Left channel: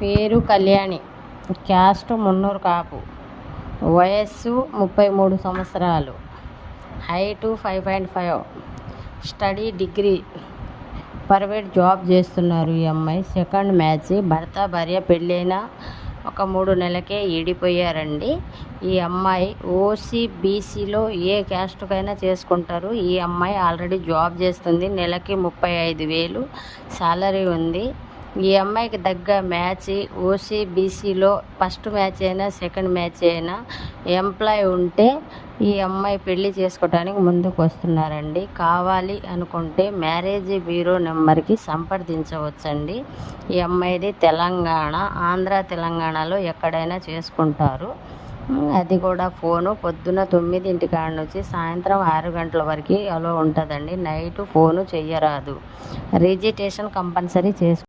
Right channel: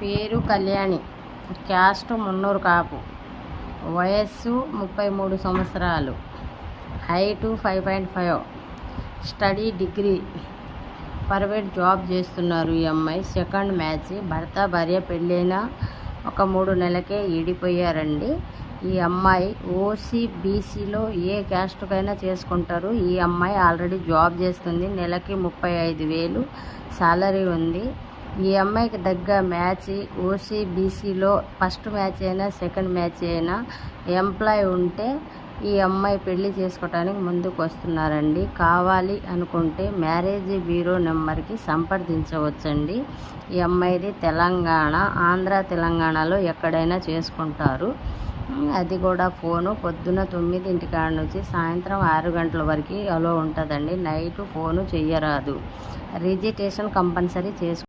పేరు కళ్యాణి, క్యాస్ట్ మున్నూరు కాపు, వయస్సు 33 సంవత్సరాలు, height 5.5, study degree, private job చేస్తున్నారు ఈ అమ్మాయి. Second match. భర్త భార్య పెళ్ళైన ఒక 3 నెలలకే ఈడిపోయారండి. ఈ అమ్మాయి ఓసీ బీసీలో ఏ క్యాస్ట్కైనా చేసుకుంటారు. ఈ అమ్మాయి ఆల్రెడీ జాబ్ చేస్తుంది. నెలకి 35,000 సాలరీ ఉంది. ఈ అమ్మాయికి దగ్గర మ్యాచ్ ఓసీ బీసీలో ఫస్ట్ మ్యాచ్ అయినా సెకండ్ మ్యాచ్ అయినా ఎంప్లాయ్ ఉంటే ఈ అమ్మాయి పెళ్లి చేసుకోవడానికి ముందుకు వస్తున్నారండి. కావాలి అనుకుంటే మ్యారేజ్ బ్యూరో నెంబర్కి సంప్రదించవచ్చండి. ఈ అమ్మాయిది తెలంగాణ, ఆంధ్ర తెలంగాణలో ఎక్కడైనా చేసుకుంటారు. అది కూడా ఫోను పొద్దున 9 కాడ నుంచి సాయంత్రం 6 గంటల వరకు అలో ఉంటుందండి. నైట్ ఫోను చెయ్యరాదు. రిజిస్ట్రేషన్ కంపల్సరీ చేసుకో.